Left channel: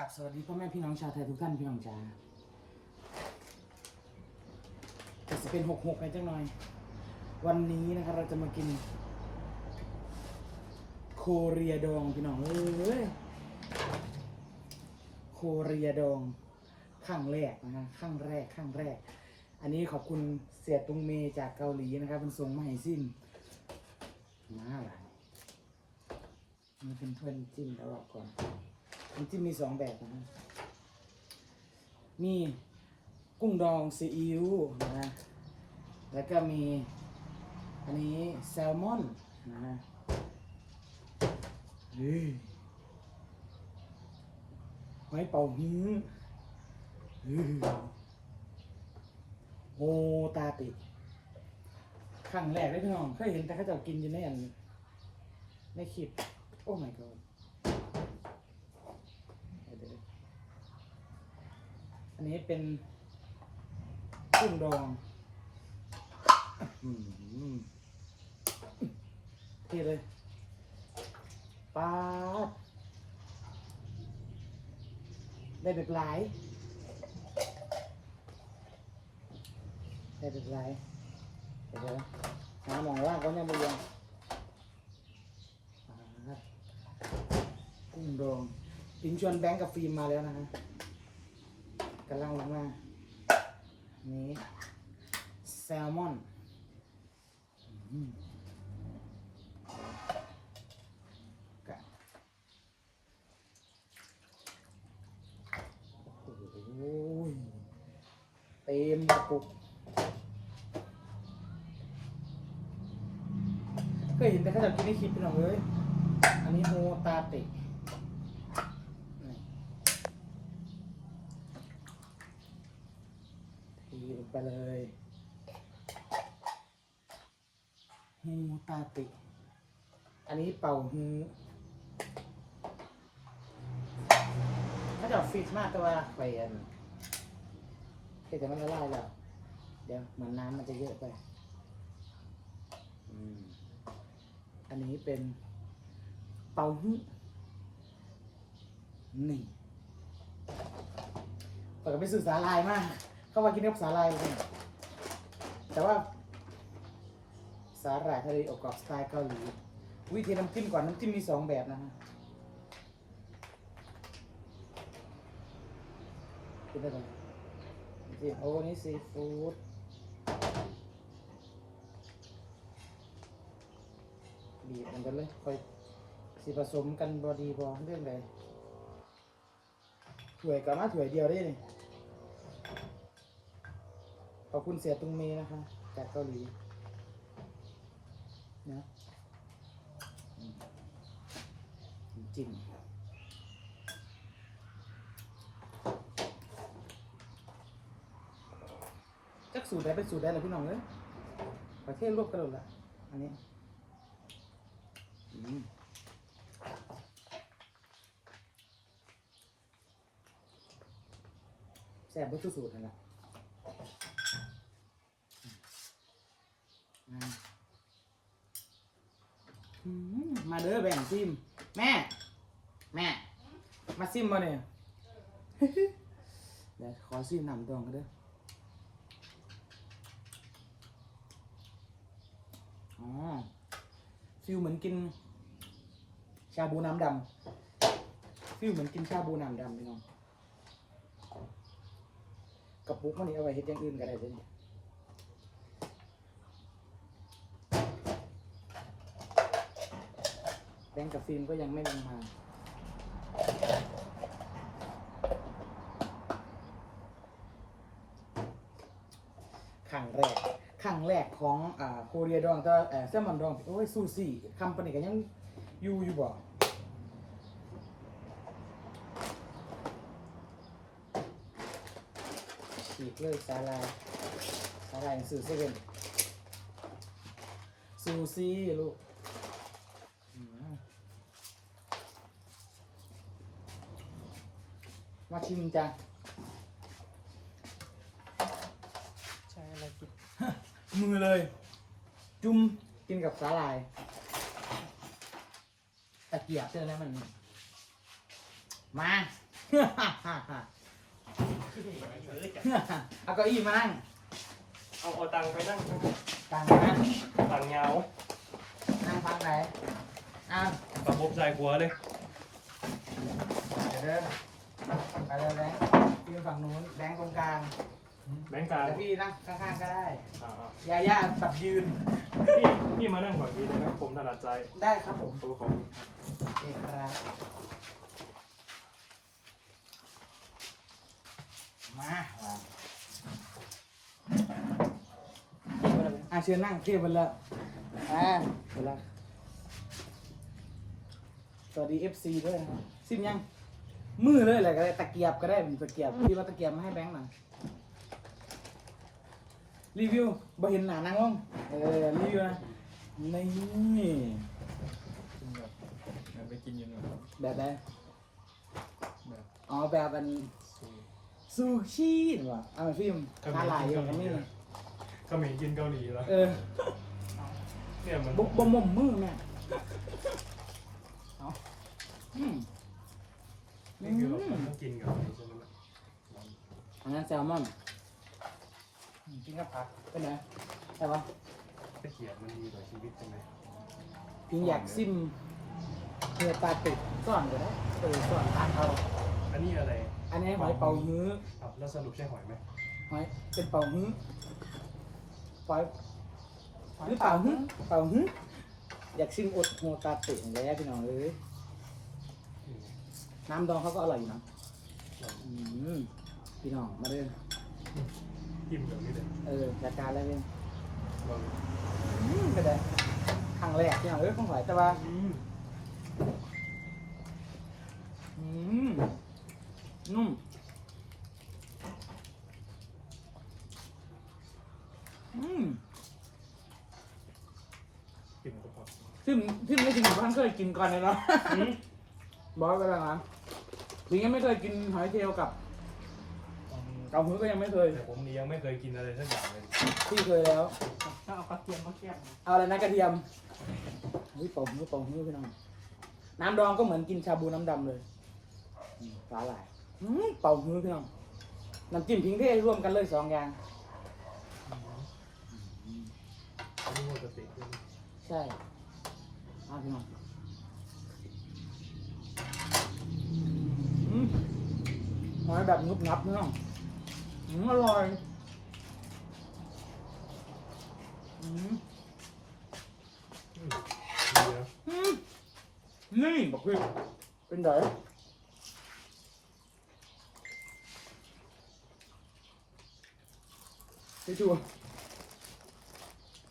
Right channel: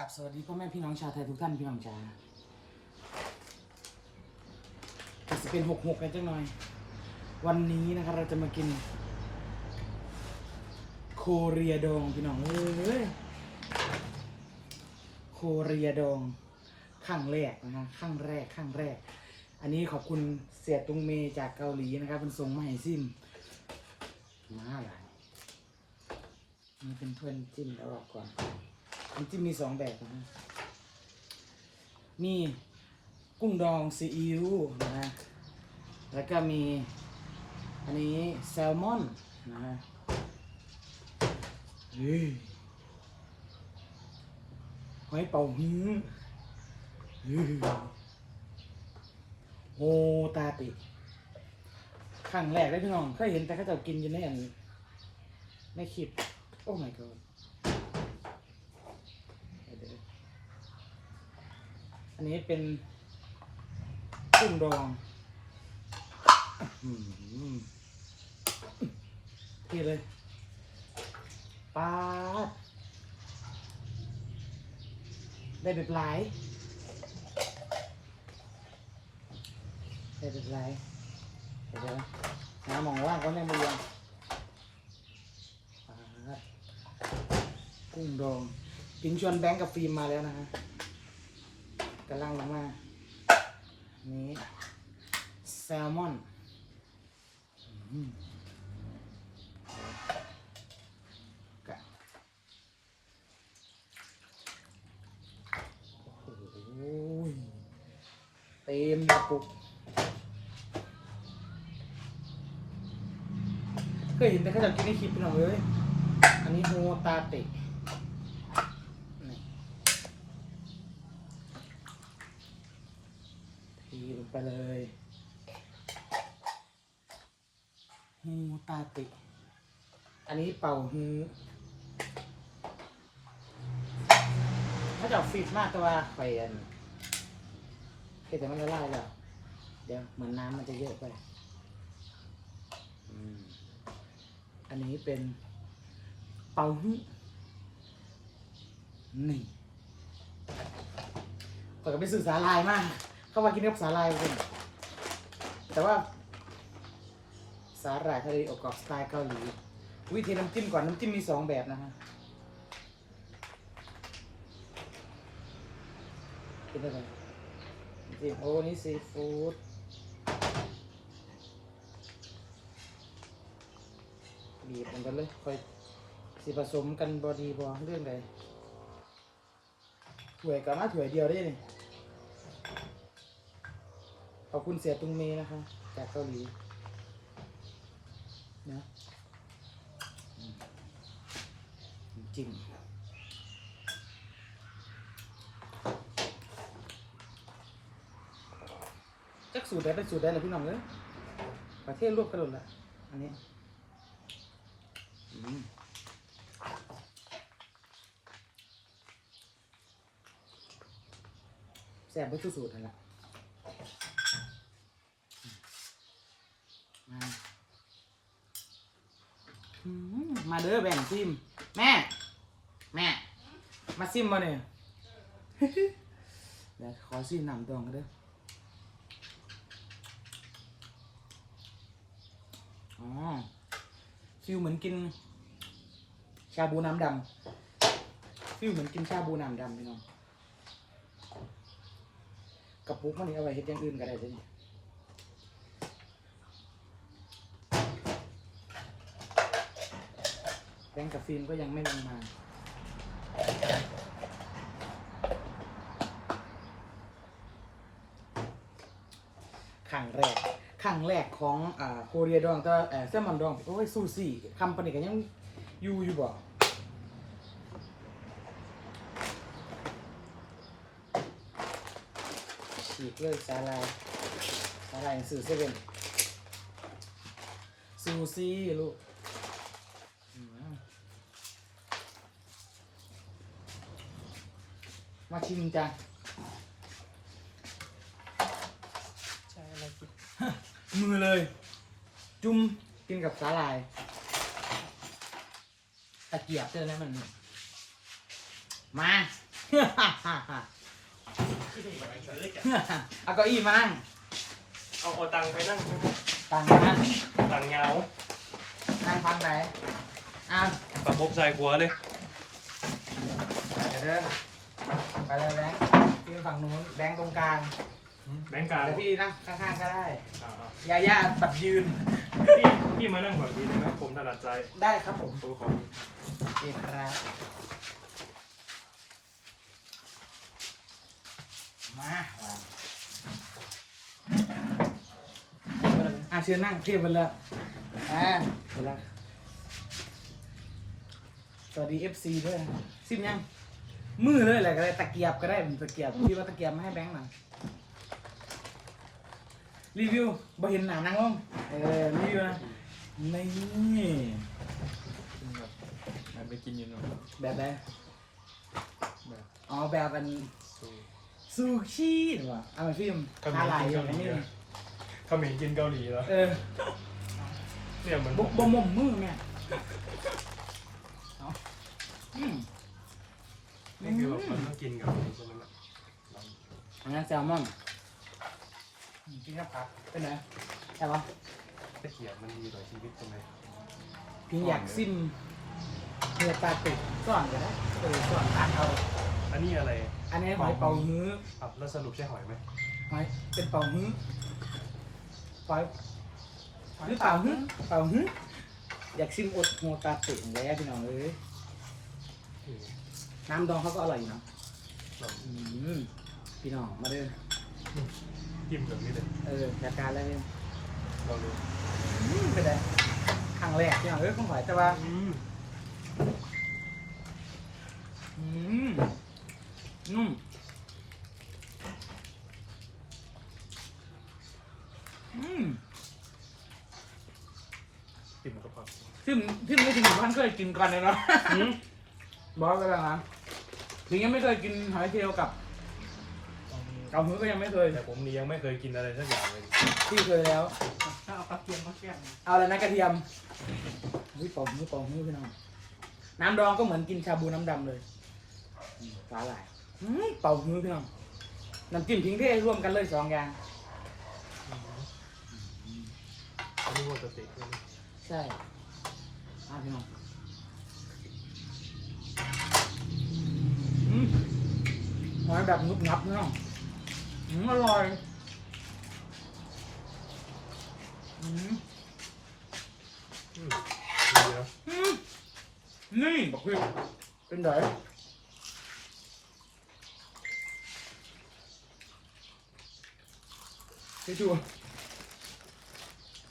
กับสวัสดีพ่อแม่พี่น้องชาวไทยทุกท่านพี่น้องจ๋าจะเป็นหกหกกันจังหน่อย วันนี้นะครับเราจะมากิน โคเรียดองพี่น้องเอ้ยโคเรียดองขั้งแรกนะฮะขั้งแรกขั้งแรก อันนี้ขอบคุณเสียตุงเมจากเกาหลีนะครับเป็นส่งมาให้ซิมมาอะไรนี่เป็นถ้วยน้ำจิ้มแล้วบอก่อน น้ำจิ้มมีสองแบบนะฮะมีกุ้งดองซีอิ๊วนะฮะแล้วก็มีอันนี้แซลมอนนะฮะเฮ้ยหอยเป่าหื้อเฮ้ยโฮตาติครั้งแรกเลยพี่น้องเคยเห็นแต่เขาจะกินอยู่ในอันในคลิป โอ้ my god เดี๋ยวๆอั นนี้เป็นกุ้งดองที่เลยปาดได้แบบหลายได้แบบหลายเดี๋ยวหามองว่างเขาเนี่ยมาเรียงปาดกุ้งดองปินชวนแบงก์กับฟิล์มมาแล้วนะฮะำลังลงมา นี่แซลมอนโอ้ยเต็มกระปุกเคยเห็นแต่เขาจะกินในคลิปพี่น้องเลยอันนี้โฮตาเตะนี่ทีลงไปเลยโฮตาเตะอั นี้เป่าฮื้อถ้าจะฟิตมากก็ว่าไปอันเฮ้ยแต่มันละลายแล้ว เดี๋ยวเหมือนน้ำมันจะเยอะไป อันนี้เป็นเป่าฮื้อนี่เปิดไปสื่อสาลายมาก เข้ามากินกับสาลายเลยแต่ว่าสาหร่ายทะเลอบกรอบสไตล์เกาหลี วิธีน้ำจิ้มก่อนน้ำจิ้มมีสองแบบนะฮะคิดอะไรน้ำจิ้มโอ้นี่ซีฟู้ดบีบมันกันเลยค่อยสิผสมกันบอดีบอเรื่องใดถ้วยกันนะถ้วยเดียวได้เลยขอบคุณเสียตุงเมนะคะจากเกาหลีนะจริงจัก สูตรได้เป็นสูตรได้เลยพี่น้องเลยประเทศรวบกันหมดละอันนี้อืมแซ่บเป็นสูตรนั่นแหละมาอืมมาเด้อแบ่งซิม แม่ แม่ มาซิมมาเนี่ยเดี๋ยวขอซิมน้ำดองกันเด้อ อ๋อ ฟิลเหมือนกิน ชาบูน้ำดำฟิลเหมือนกินชาบูน้ำดำพี่น้องกระปุกมันนี่เอาไว้เฮ็ดอย่างอื่นก็ได้ใช่ไหมแบงกับฟิล์มก็ยังไม่ลงมา ขังแรกขั งแรกของอ่าโคเรียดองแต่เอ่อแซลมอนดองโอ้ยซูซี่คำปานนิกันยังอยู่อยู่บ่ฉีกเลยสาลายสาลายสื่อเซเว่นซูซี่ลูกอืมมาชิมจ้ะ ใช้อะไรกิน มือเลย จุ่มกินกับสาหร่ายตะเกียบเจอแล้วมัน มาเอาเก้าอี้มานั่งเอาเอาตังค์ไปนั่งต่างนะตังค์เงานั่งฟังไหนอะตะบกใส่หัวเลยเออไปเลยแบงค์พี่ฝั่งนู้นแบงค์ตรงกลางแบงค์กลางเดี๋ยวพี่นั่งข้างๆก็ได้อ่ายาย่าแบบยืนๆพี่พี่มานั่งฝั่งนี้นะผมถนัดใจได้ครับผมดูของโอเคครับมาอะเชิญนั่งเทียบกันเลยอ่าเวลาสวัสดี FC ด้วยนะครับซิมยังมือเลยอะไรก็ได้ตะเกียบก็ได้ตะเกียบพี่ว่าตะเกียบมาให้แบงค์หน่อย รีวิวบ่เห็นหนานั่งลงเออรีวิวนะนี่มันไปกินอยังไงแบบไหนอ๋อแบบเป็นสูงซูชินี่ว่ะเอามาฟิล์มหาหลายอย่างนี้เขาเหม็นกินเกาหลีแล้วเออเนี่ยมันบุกบ่มมมือเนี่ยเอาอืมนี่คือแบบมันต้องกินกับนี้ใช่ไหมล่ะอันนั้นแซลมอน กินกับผักเป็นไงใช่ปะตะเกียบมันมีหลายชีวิตใช่ไหมพี่อยากซิมเนื้อปลาตุกซ่อนก็ได้เออซ่อนตักเอาอันนี้อะไรอันนี้หอยเป่าฮื้อครับแล้วสรุปใช่หอยไหมหอยเป็นเป่าฮื้อหอยหรือเป่าฮื้อเป่าฮื้ออยากซิมอดหัวปลาตุกแล้วพี่น้องเอ้ยน้ำดองเขาก็อร่อยอยู่นะอืมพี่น้องมาเด้อ จิ้มแบบนี้เลยเออจัดการแล้วเนี่ยลองดูอืมเป็นไงครั้งแรกพี่น้องเอ้ยของหอยแต่ว่าอืมอืมนุ่มอืมจิ้มกับผักซึ่งซึ่งไม่ถึงท่านเคยกินก่อนเลยเนาะอืมบอกกันแล้วนะถึงยังไม่เคยกินหอยเชลล์กับ กาหือก็ยังไม่เคยแต่ผมนี่ยังไม่เคยกินอะไรสักอย่างเลยพี่เคยแล้วเอากระเทียมมาแกล้งเอาอะไรนะกระเทียมนี่ปอกมือปอกมือพี่น้องน้ำดองก็เหมือนกินชาบูน้ำดำเลยอืมสาหร่ายอืมเป่ามือพี่น้องน้ำจิ้มทิ้งเทร่วมกันเลยสองอย่างอันนี้ว่าสเต็กด้วยใช่เอาพี่น้องอืมหอยแบบงุบงับพี่น้อง อืมอร่อยอืมอืมเดี๋ยวอืมนี่บอกพี่เป็นไงไปดู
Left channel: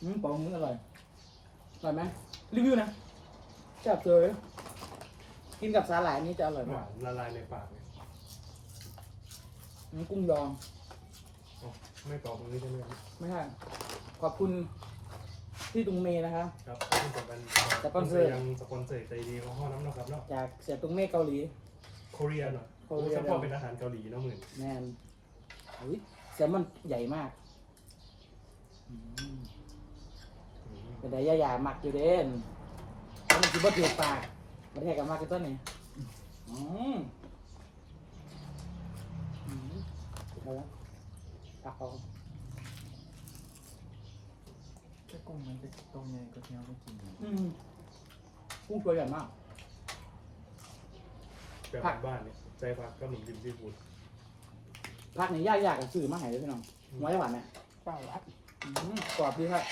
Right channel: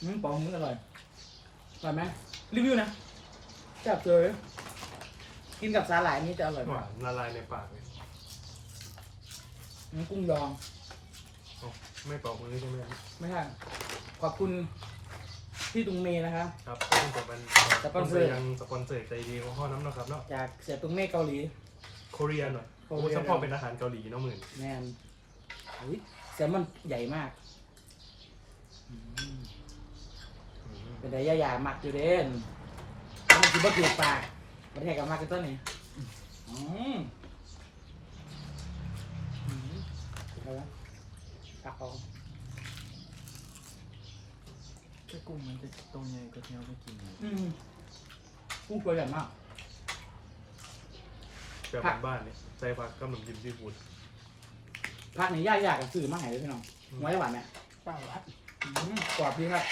อืมปองมืออร่อยอร่อยไหมรีวิวนะจับเลยกินกับสาหร่ายนี่จะอร่อยหกวาว่านละลายในปากเลย น้ำกุ้งดองอ๋อ ไม่เป่ามือใช่ไหมไม่ใช่ขอบคุณพี่ตุงเมย์นะครับ ครับแต่มันสปอนเซอร์ ยังสปอนเซอร์ใจดีของพ่อน้ำเนาะครับเนาะจากเสียตุงเมฆเกาหลี โคเรียนเนาะโคโอ้เรียนสปอนเป็นอาหารเกาหลีเนาะมึงแมนอุ้ยแซลมอนใหญ่มากอืมเป็นไงย่าหยาหมักอยู่เด่นต้องกินบะเปียกปากประเทศกับมากกันต้นนี่อืมอืมอะไรวะตัก เอาไอ้กุ้งมันจะตรงใหญ่กว่าที่เราไปกินเลยอืมกุ้งตัวใหญ่มาก แบบบ้านๆนี่ใส่ผักกับขนมจีนซีฟู้ดพักนี้ย่าอยากกับสื่อมาให้เลยพี่น้องไว้หวานไหมใช่ครับอืมกรอบดีครับ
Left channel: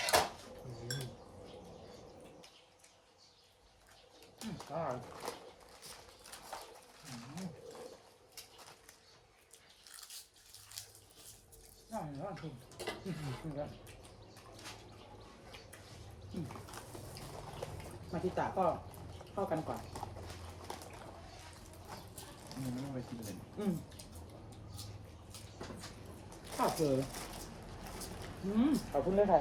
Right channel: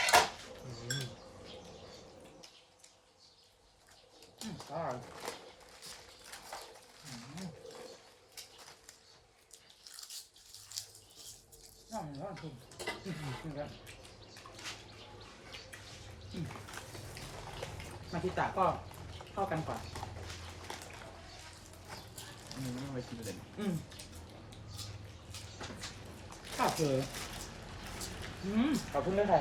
อืมก็อร่อยอืม น่ามีน่าคุณมาทิตาก็เข้ากันก่อนนี่มันเอาไปกินเลยอืมข้าวเผลออืมขอบคุณเลยค่ะ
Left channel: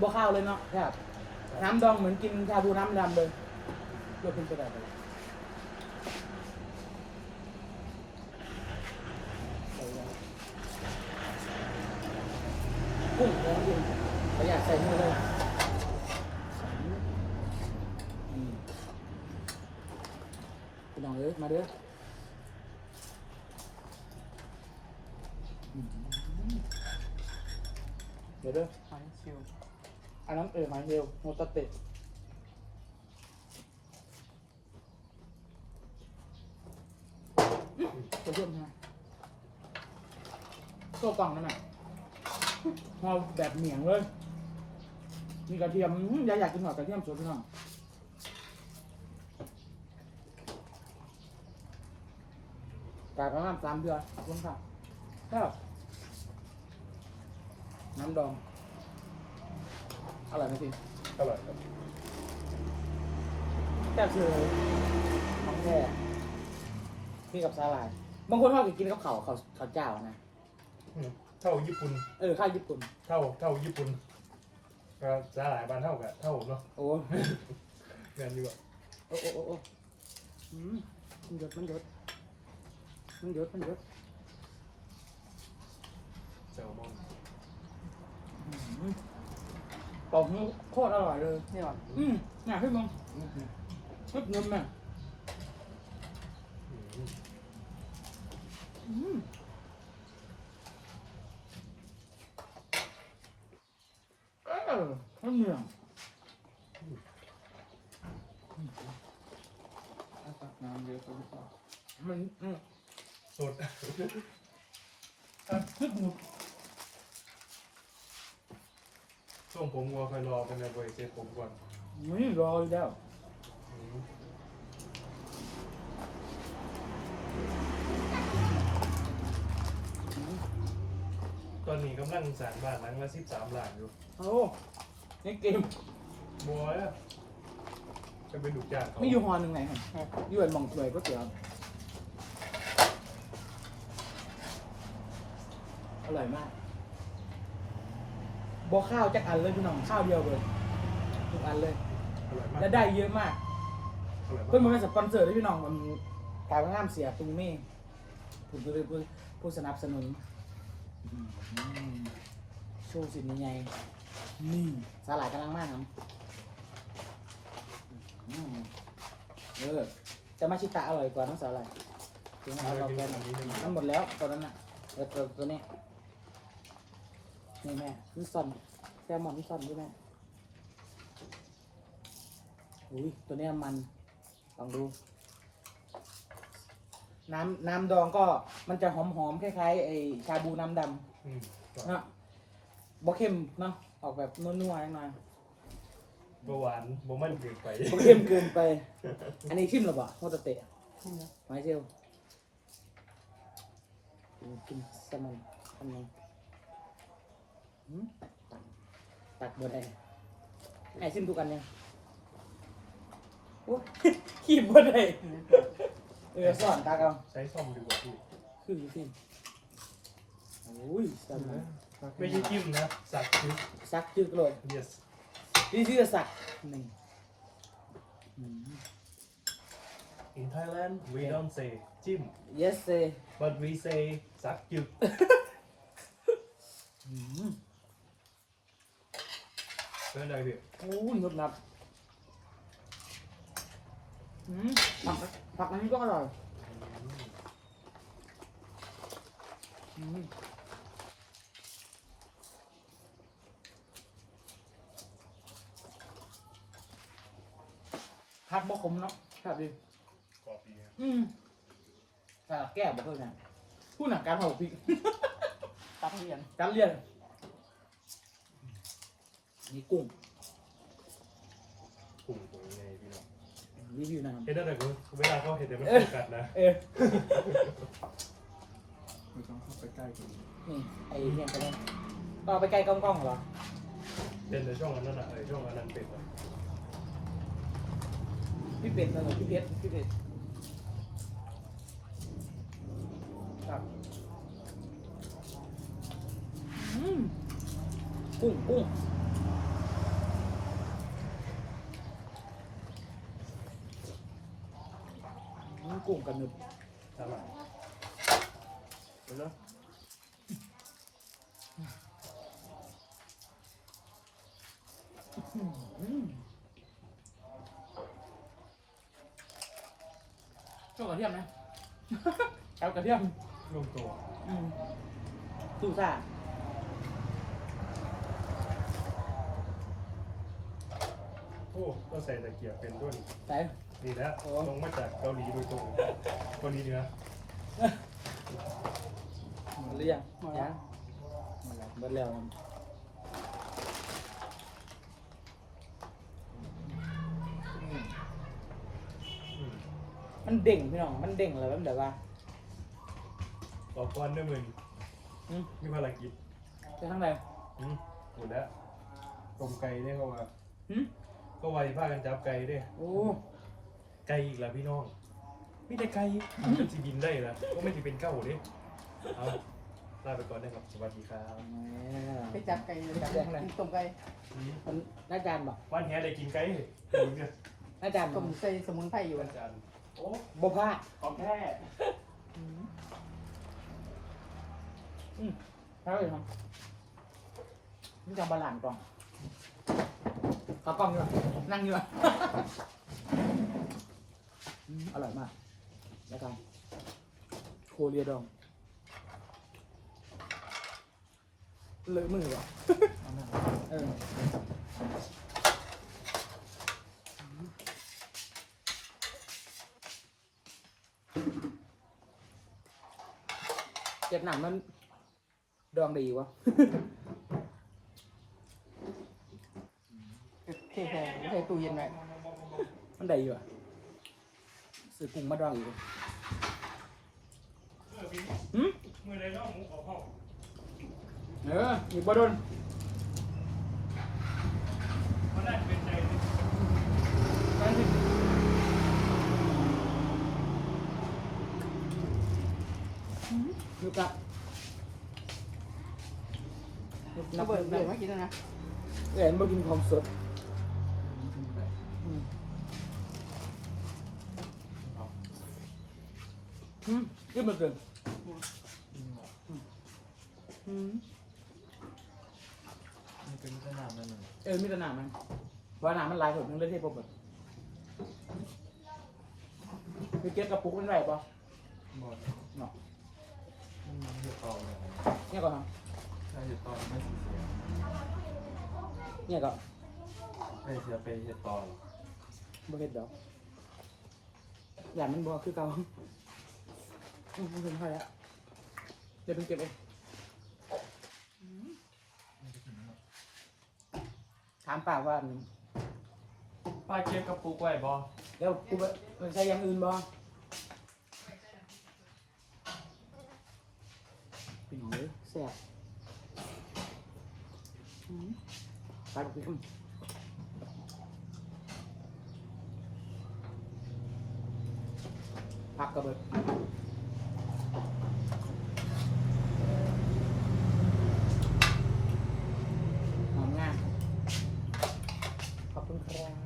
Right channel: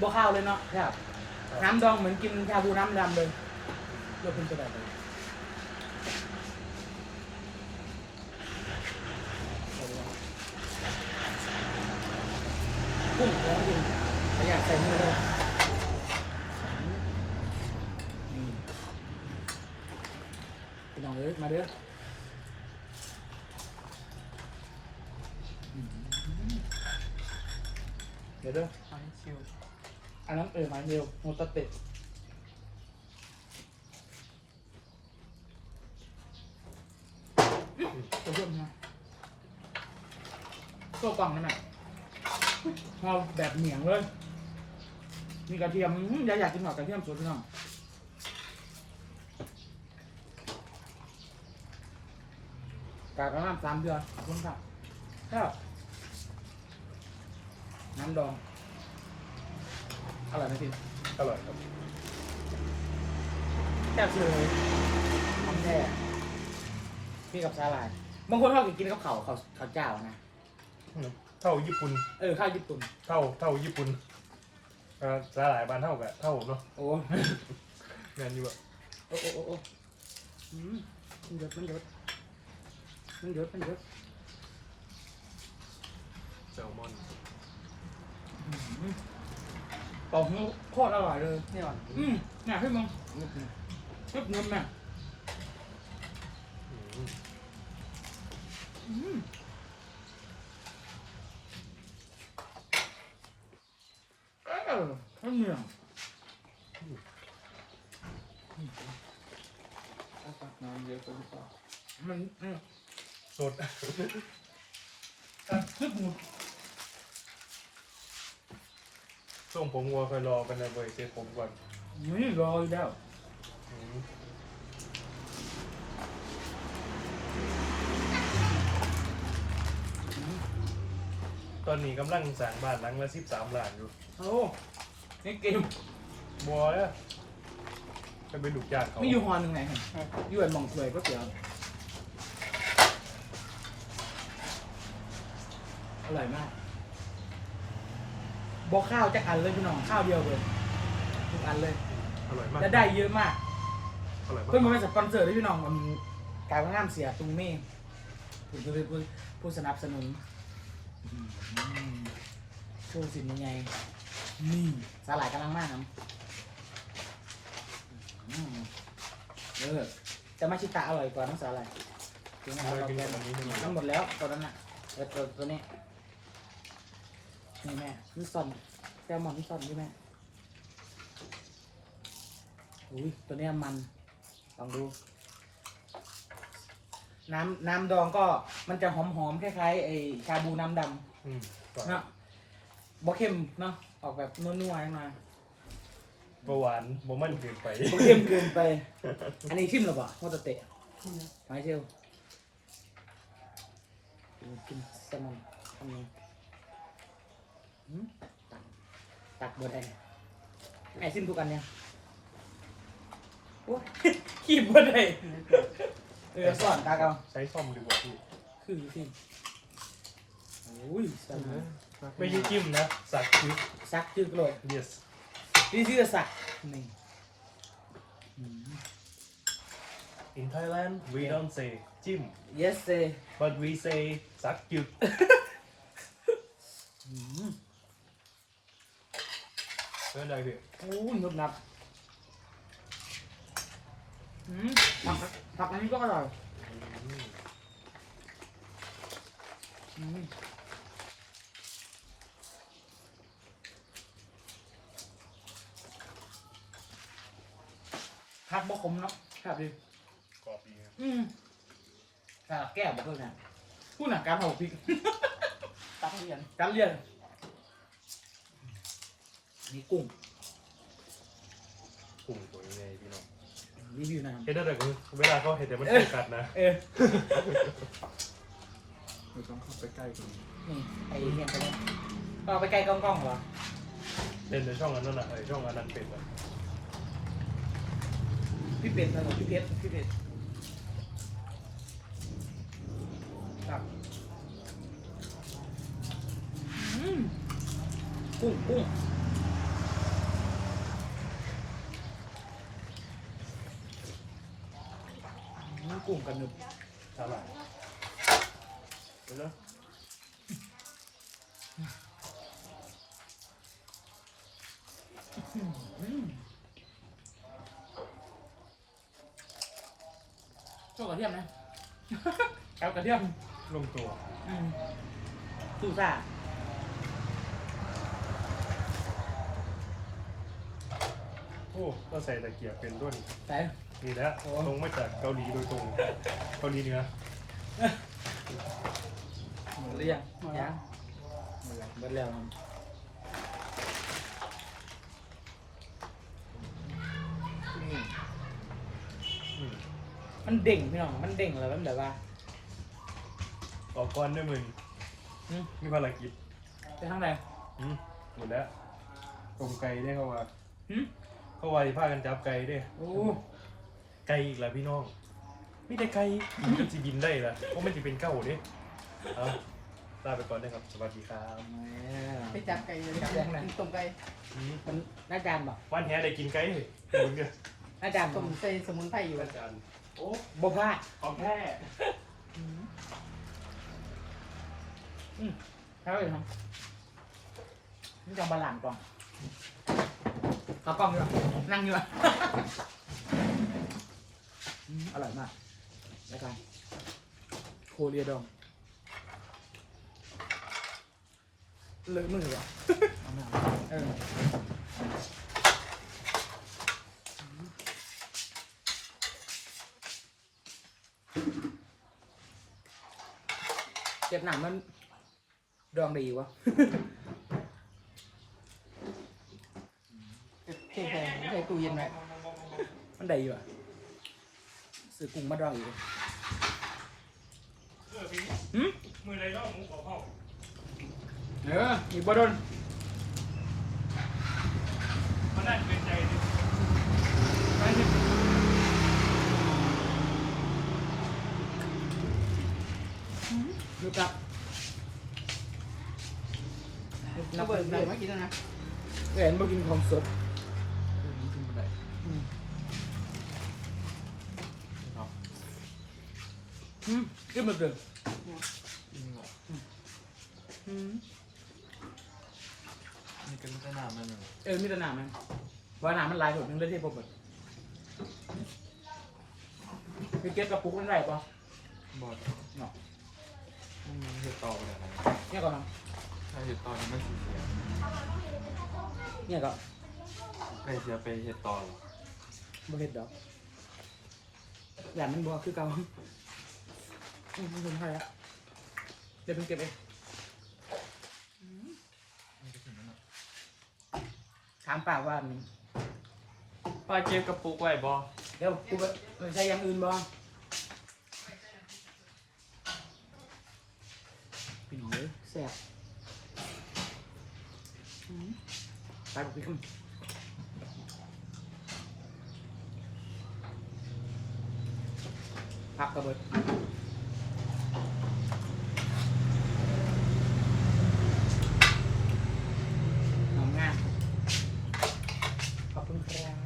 บัวข้าวเลยเนาะครับน้ำดองเหมือนกินชาบูน้ำดำเลยเลือกคุณจะแบบไห ผมเลยพี่น้องเอ้ยมาเด้อเดี๋ยวเด้ออันนั้นเออมาเร็วโมตเตะขอบคุณนะก็บังนั่นแหละเราแบบเหนียงเลย มีกระเทียมอื้ออยากอยากกินหน่อยกระเทียมสดพี่น้องกากน้ำสามเดือนขอบคุณค่ะครับน้ำดองอร่อยไหมพี่อร่อยครับแซ่บเสือเลยของแท้พี่กับสาหร่ายบางคนเขากินกับข้าวข้าวข้าวเจ้านะ เท่าญี่ปุ่น เออข้าวญี่ปุ่น เท่าเท่าญี่ปุ่นเอ่อ สาหร่ายบ้านเท่าแบบเท่าเนาะโอ้งานอยู่อะโอ้โอ้โอ้โอ้อืมมันหยดมันหยดมันหยดมันหยดแซลมอนเป่าหูโคตรอร่อยเลยเนี่ยอืมน่ะพี่มึงชุดเงินน่ะอืมเออ มันเหนื่อยน้ำเยอะไปหรือเปล่ามันอืมสดชุดหมูส่งผมวัวเคยลองกันนะเว้ยเจอผมก่อนนี่รออยู่แล้วตอนนี้กำลังสร้างบ้านหลังละสิบสามล้านอยู่ โอ้ นี่เกมบัวอะจะไปดูจานเขาไม่อยู่ฮอนหนึ่งไงเห็นอยู่ไอ้หมองถวยก็เตี๋ยวอร่อยมากบอกข้าวจักอันเลยพี่น้องข้าวเดียวเลยทุกอันเลยอร่อยมากและได้เยอะมากอร่อยมากเพื่อนมาเป็นสปอนเซอร์ด้วยพี่น้องมันกลายเป็นงานเสียตุงเม่ถึงจะเป็นผู้ผู้สนับสนุนอืมโชว์สินยังไงนี่ สาหร่ายกำลังมากครับอืมเออจะมาชิตะอร่อยกว่าน้ำสาหร่ายถึงอเอาร่อยเราเป็นไปอย่างนี้ใช่ไหมมันหมดแล้วตอนนั้นน่ะเออตัวตัวนี้นี่แม่นี่ซอนแซลมอนนี่ซอนด้วยแม่อุ้ยตัวเนี้ยมันลองดู น้ำน้ำดองก็มันจะหอมหอมๆคล้ายๆไอ้ชาบูน้ำดอืมำเนาะบ่เข้มเนาะ ออกแบบนัวๆหน่อยเบาหวานบ่มันเกินไปบ่เข้มเกินไป อันนี้ชิมหรือเปล่าโมตะเตะไม้เชียวกินแซลมอนทำไงหืมตักตักบนได้ไอ้ชิมทุกอันเนี่ยโอ้ขีบบนได้เออสอนตาเกาใช้ซ่อมดีกว่าพี่คือสิโอ้ยสัก ไม่ยิ่งจิ้มนะ สักคือสักจึกเลย yes นี่ชื่อสักนี่อืม in Thailand we don't say จิ้ม yes say but we say สักจึกอืมเป็นอะไรพี่โอ้ยนุบนับอืมผักผักอันนี้ก็อร่อยอืมผักบะขมเนาะครับดี กรอบดีนะ อืมอ่าแก้วบอกเพื่อนกันพูดหนักการเผาพริก ตักเรียนการเรียนนี่กุ้งปรุงตัวยังไงพี่น้องรีวิวน้เห็ดอะไรกันเวลาเขาเห็ดแต่มันกัดนะำเออเราต้องเข้าไปใกล้กันนี่ไอ้เนี่ยไปเลยก็เอาไปใกล้กล้องๆเหรอเป็นในช่องอันนั้นน่ะไอช่องอันนั้นเป็นแบบพี่เป็ดเออพี่เพชรพี่เพชรครับอืม กุ้งกุ้งอืมกุ้งกันหนึบสาหร่ายเห็นไหมอืมโชว์กระเทียมไหมเอากระเทียมลงตัว อืมตู้ซ่า โอ้ก็ใส่ตะเกียบเป็นต้นใส่นี่แหละตรงมาจากเกาหลีโดยตรงเกาหลีเหนือหมดหรือยังยังหมดแล้วหมดแล้วอืมมันเด้งพี่น้อง มันเด้งเลยมันแบบว่าออกก่อนได้มึงอืมมีภารกิจจะทั้งไหนอืมหมดแล้วตรงไก่ได้เข้ามาหืม เข้าไว้พากันจับไก่ด้วยโอ้ไก่อีกแล้วพี่น้องมีแต่ไก่มันจะบินได้ละเพราะมันจะเป็นเก้าเนี่ยเอาลาไปก่อนนะครับสวัสดีครับไปจับไก่เลยต้มไก่มันน่าจานบ่วันนี้ได้กินไก่เลยมึงเนี่ยน่าจานต้บ่มใส่สมุนไพรอยู่อาจารย์โอ้บ่พลาดของแท้ใช่เลยครับนี่จะบาลานซ์ก่อน เขากล้องอยู่อะนั่งอยู่อะอืมอร่อยมากรายการโคเรียดองเลยมือว่ะเออเจ็บหนังมันดองดีวะ เทใส่ใส่ตู้เย็นไว้ มัน ได้อยู่อะซื้อกุ้งมาดองอยู่หืมมือไรก็มุกของห้องเอออีกบ่โดนมันได้เป็นใจดิดูกับระเบิดใส่ไว้กินแล้วนะเห็นบ่กินของสดอืมกินมาเกินอืมเออมีแต่หนามันว่าหนามันลายผมถึงได้เทพผมแบบไปเก็บกระปุกมันไรปะบอดมันไม่ต่อเลยเนี่ยก่อนครับถ้าจะต่อไม่เนี่ยก่อนไปเสียไปเฮ็ดต่อบ่เฮ็ดดอกอย่างมันบ่คือเก่าอืมมันถึงใครอะเดี๋ยวไปเก็บเอง ถามป่าว่าป้าเก็บกระปุกไว้บ่เดี๋ยวกูมันใช้อย่างอื่นบ่ปีเลยแซ่บอืมไปบอกพี่คำผักกระเบิดหอมงามขอบคุณครับ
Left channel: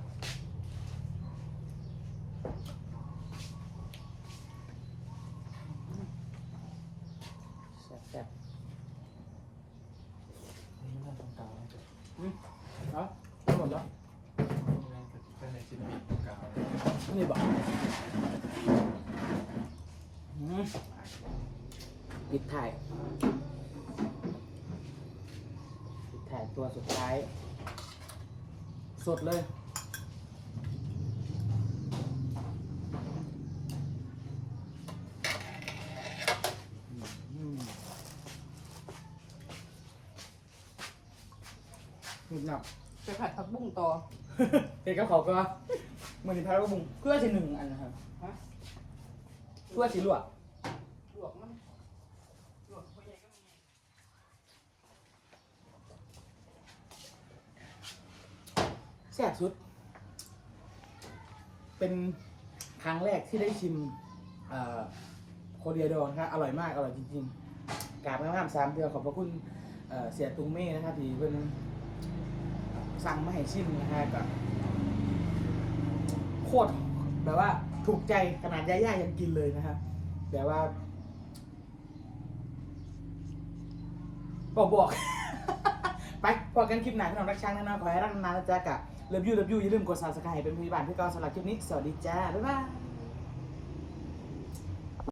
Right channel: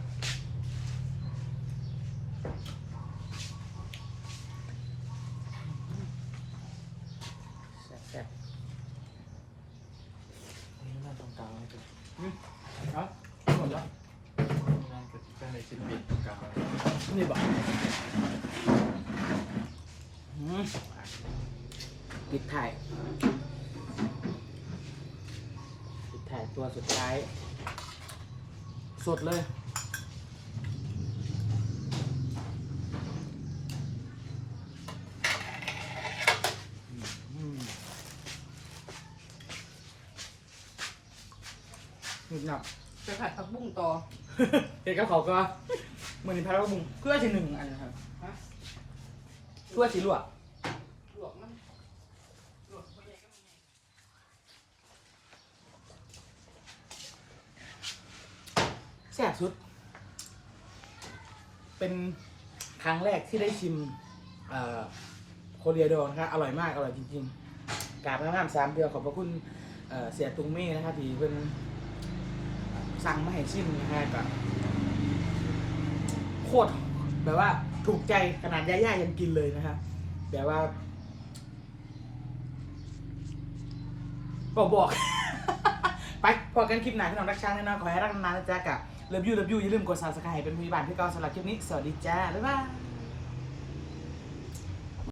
แซ่บๆอืมเอาเอาหมดแล้ว นี่บอกอืมปิดถ่ายปิดถ่ายตัวสุดท้าย สดเลยอืมหนุบหนับไปผัดผักบุ้งต่อ เห็นกับเขาก็ มือนพาราบุงเพื่อจะหนึ่งอันนะครับเพื่อสีลวกลวกมันแซ่บสุด เป็นครั้งแรกที่ได้ชิมเอ่อโคเรียโดนะครับอร่อยมาก อร่อยจริงๆกราบงามๆสามเดือนขอบพระคุณเเสียตุงเม่นะครับที่เป็นสั่งมาให้ชิมนะฮะกับ โคตรแบบว่าถูกใจขนาดย่าๆยังกินเลยนะครับแบบว่าบอกบอกไปพอกันคลิปไหนพี่น้องรักช้างแน่นอนขอให้รักนานๆนะจ๊ะกับเลิฟยูเลิฟยูอย่าลืมกดซับสไครต์เป็นผู้บานที่เกาสำหรับคลิปนี้ สวัสดีจ้า บ๊ายบาย